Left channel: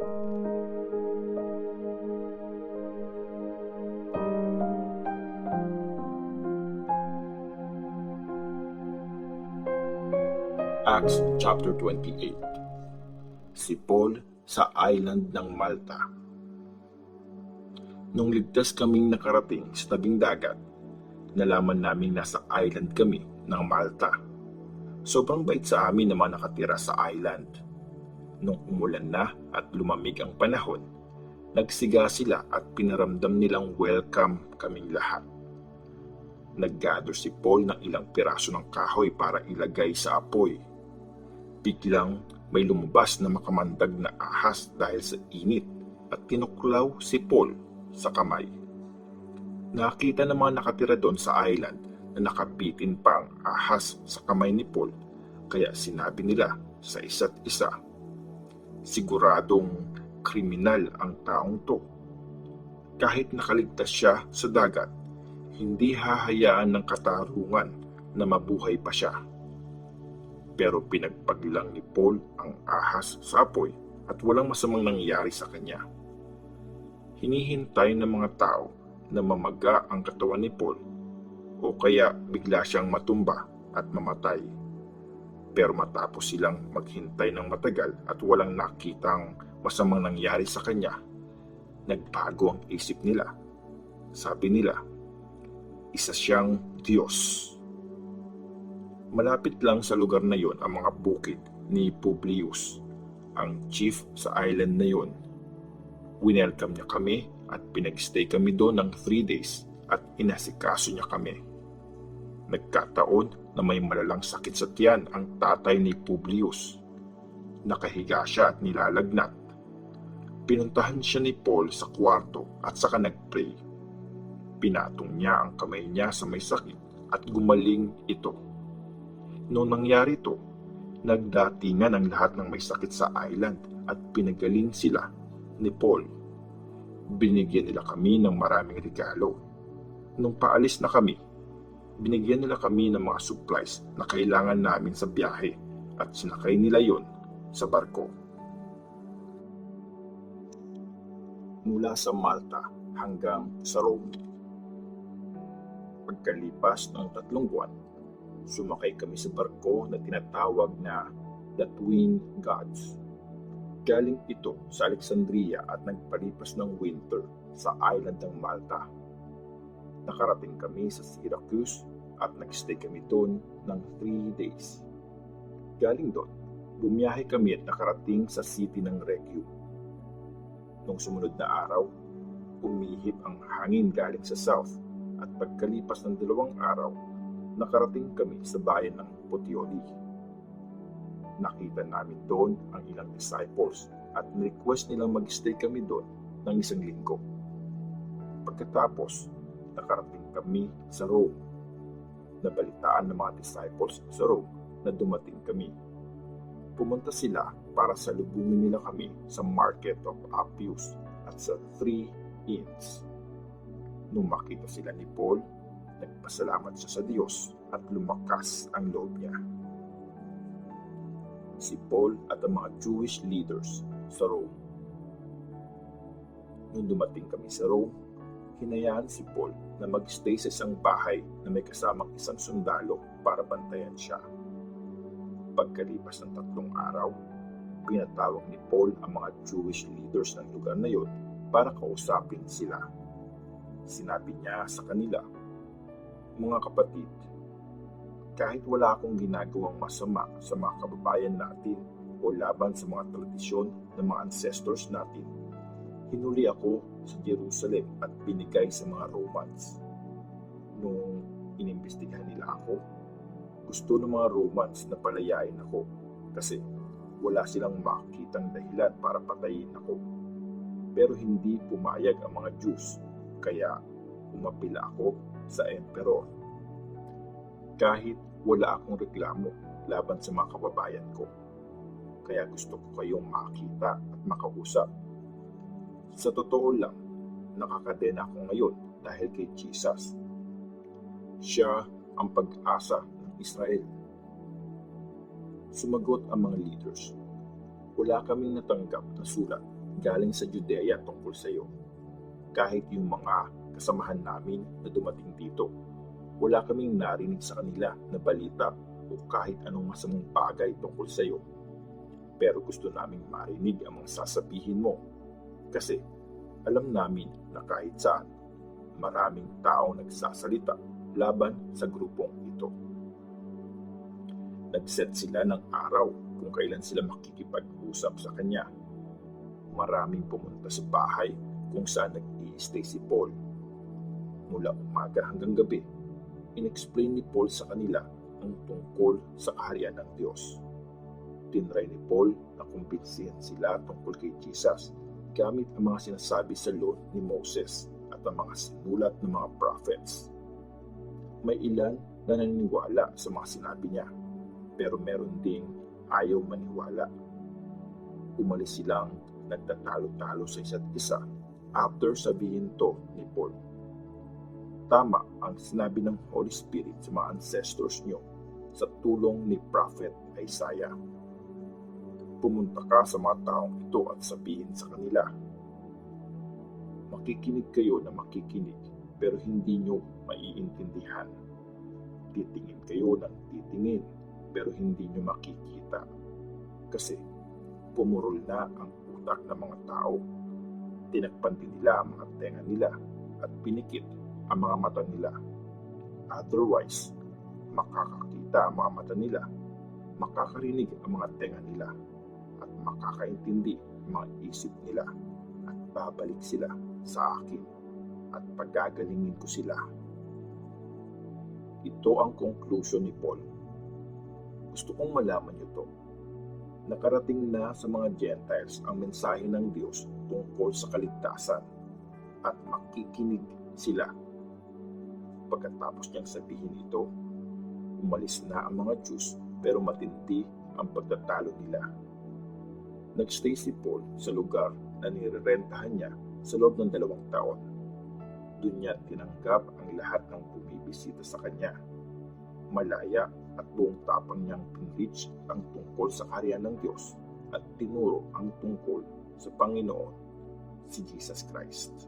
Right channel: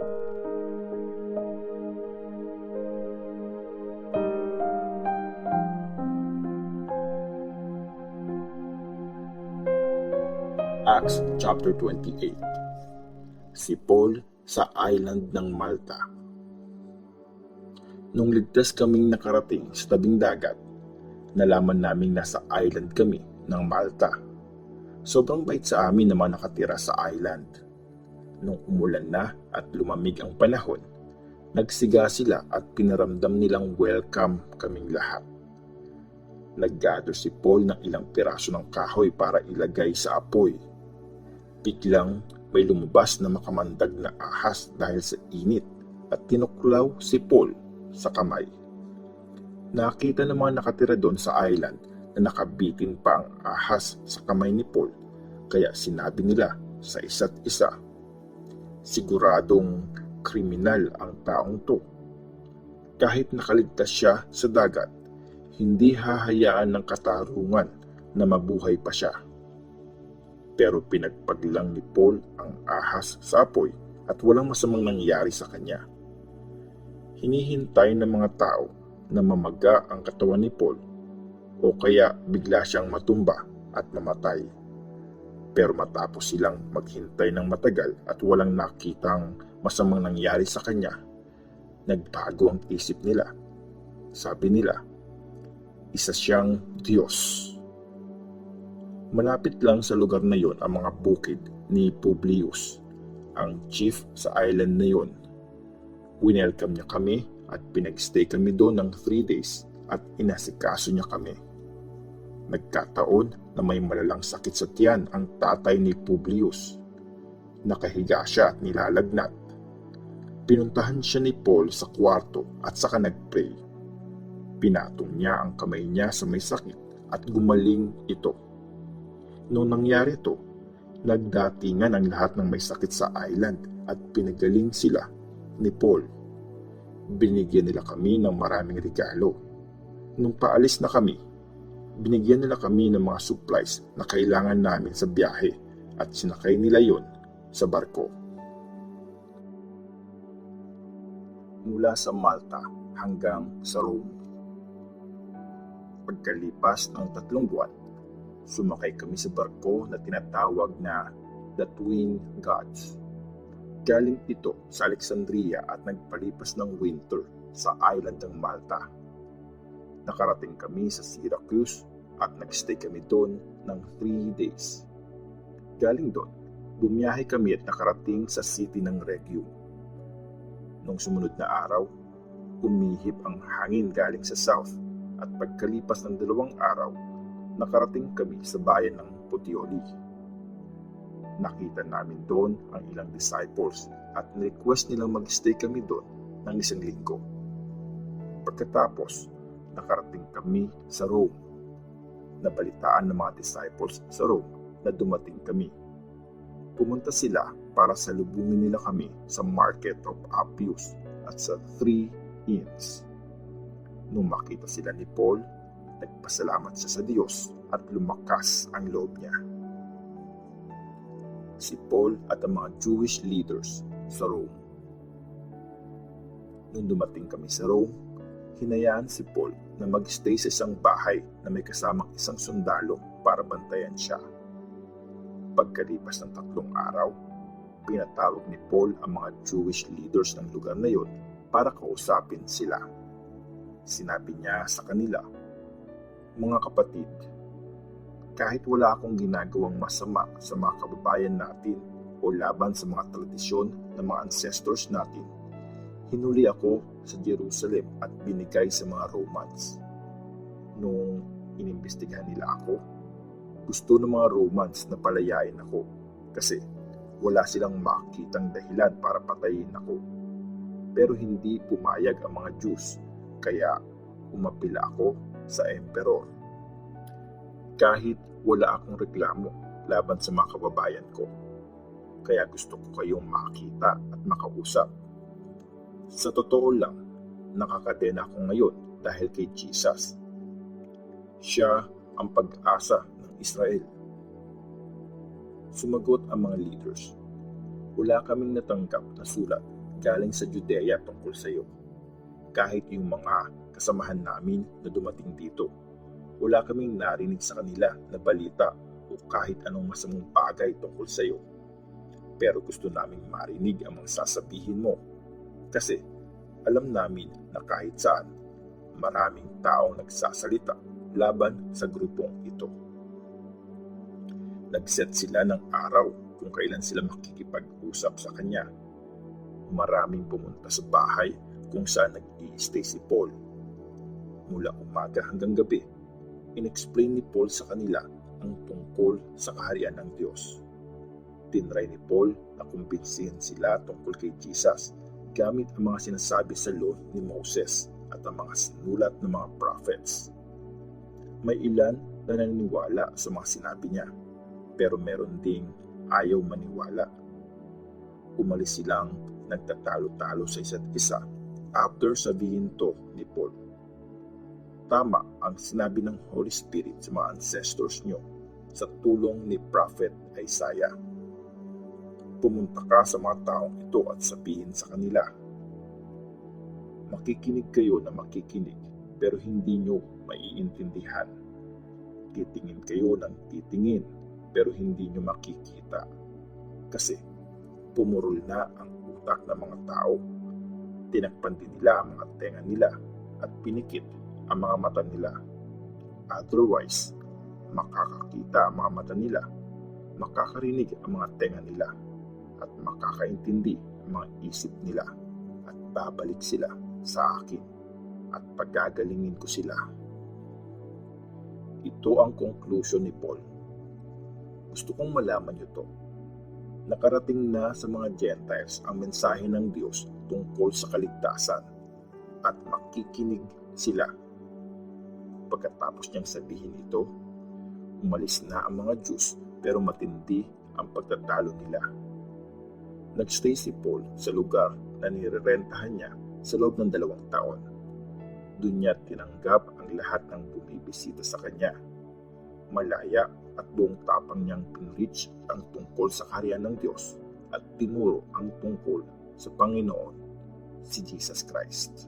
Acts chapter 28. Si Paul sa island ng Malta. Nung ligtas kaming nakarating sa tabing dagat, nalaman naming nasa island kami ng Malta. Sobrang bait sa amin na mga nakatira sa island. Nung umulan na at lumamig ang panahon, nagsiga sila at pinaramdam nilang welcome kaming lahat. Nag-gather si Paul ng ilang piraso ng kahoy para ilagay sa apoy. Biglang may lumabas na makamandag na ahas dahil sa init at tinuklaw si Paul sa kamay. Nakita ng mga nakatira doon sa island na nakabitin pa ang ahas sa kamay ni Paul, kaya sinabi nila sa isa't isa, "Siguradong kriminal ang taong to. Kahit nakaligtas siya sa dagat, hindi hahayaan ng katarungan na mabuhay pa siya." Pero pinagpaglang ni Paul ang ahas sa apoy at walang masamang nangyari sa kanya. Hinihintay ng mga tao na mamaga ang katawan ni Paul o kaya bigla siyang matumba at mamatay. Pero matapos silang maghintay ng matagal at walang nakitang masamang nangyari sa kanya, nagbago ang isip nila. Sabi nila, isa siyang Diyos. Malapit lang sa lugar na yon ang mga bukid ni Publius, ang chief sa island na yon. Winelcome niya kami at pinagstay kami doon ng 3 days at inasikaso niya kami. Nagkataon na may malalang sakit sa tiyan ang tatay ni Publius. Nakahiga siya at nilalagnat. Pinuntahan siya ni Paul sa kwarto at saka nagpray. Pinatong niya ang kamay niya sa may sakit at gumaling ito. Noong nangyari ito, nagdatingan ang lahat ng may sakit sa island at pinagaling sila ni Paul. Binigyan nila kami ng maraming regalo. Nung paalis na kami, binigyan nila kami ng mga supplies na kailangan namin sa biyahe at sinakay nila yon sa barko. Mula sa Malta hanggang sa Rome. Pagkalipas ng 3 buwan, sumakay kami sa barko na tinatawag na The Twin Gods. Galing ito sa Alexandria at nagpalipas ng winter sa island ng Malta. Nakarating kami sa Syracuse at nagstay kami doon ng 3 days. Galing doon, bumiyahe kami at nakarating sa city ng Rhegium. Nung sumunod na araw, umihip ang hangin galing sa south at pagkalipas ng 2 araw, nakarating kami sa bayan ng Puteoli. Nakita namin doon ang ilang disciples at request nilang mag-stay kami doon ng 1 linggo. Pagkatapos, nakarating kami sa Rome. Nabalitaan ng mga disciples sa Rome na dumating kami. Pumunta sila para salubungin nila kami sa Market of Appius at sa 3 Inns. Nung makita sila ni Paul, nagpasalamat siya sa Diyos at lumakas ang loob niya. Si Paul at ang mga Jewish leaders sa Rome. Nung dumating kami sa Rome, hinayaan si Paul na mag-stay sa isang bahay na may kasamang isang sundalo para bantayan siya. Pagkalipas ng 3 araw, pinatawag ni Paul ang mga Jewish leaders ng lugar na yun para kausapin sila. Sinabi niya sa kanila, "Mga kapatid, kahit wala akong ginagawang masama sa mga kababayan natin o laban sa mga tradisyon ng mga ancestors natin, hinuli ako sa Jerusalem at binigay sa mga Romans. Nung inimbestigahan nila ako, gusto ng mga Romans na palayain ako kasi wala silang makitang dahilan para patayin ako. Pero hindi pumayag ang mga Jews, kaya umapila ako sa emperor. Kahit wala akong reklamo laban sa mga kababayan ko, kaya gusto ko kayong makita at makausap. Sa totoo lang, nakakadena ako ngayon dahil kay Jesus. Siya ang pag-asa ng Israel." Sumagot ang mga leaders, "Wala kaming natanggap na sulat galing sa Judea tungkol sa iyo. Kahit yung mga kasamahan namin na dumating dito, wala kaming narinig sa kanila na balita o kahit anong masamang bagay tungkol sa iyo. Pero gusto naming marinig ang mga sasabihin mo kasi alam namin na kahit saan, maraming taong nagsasalita laban sa grupong ito. Nag-set sila ng araw kung kailan sila makikipag-usap sa kanya. Maraming pumunta sa bahay kung saan nag-i-stay si Paul. Mula umaga hanggang gabi, in-explain ni Paul sa kanila ang tungkol sa kaharian ng Diyos. Tinry ni Paul na kumbinsihin sila tungkol kay Jesus gamit ang mga sinasabi sa law ni Moses at ang mga sinulat ng mga prophets. May ilan na naniniwala sa mga sinabi niya, pero meron ding ayaw maniwala. Umalis silang nagtatalo-talo sa isa't isa after sabihin to ni Paul. Tama ang sinabi ng Holy Spirit sa mga ancestors nyo sa tulong ni Prophet Isaiah. Pumunta ka sa mga taong ito at sabihin sa kanila, makikinig kayo na makikinig pero hindi nyo maiintindihan. Titingin kayo ng titingin pero hindi nyo makikita. Kasi pumurol na ang utak ng mga tao. Tinakpan din nila ang mga tenga nila at pinikit ang mga mata nila. Otherwise, makakakita ang mga mata nila, makakarinig ang mga tenga nila, at makakaintindi ang mga isip nila, at babalik sila sa akin at pagagalingin ko sila. Ito ang conclusion ni Paul. Gusto kong malaman niyo to. Nakarating na sa mga Gentiles ang mensahe ng Diyos tungkol sa kaligtasan at makikinig sila. Pagkatapos niyang sabihin ito, umalis na ang mga Jews pero matindi ang pagtatalo nila. Nagstay si Paul sa lugar na nirerentahan niya sa loob ng 2 taon. Doon niya tinanggap ang lahat ng bumibisita sa kanya. Malaya at buong tapang niyang pinreach ang tungkol sa kaharian ng Diyos at tinuro ang tungkol sa Panginoon, si Jesus Christ.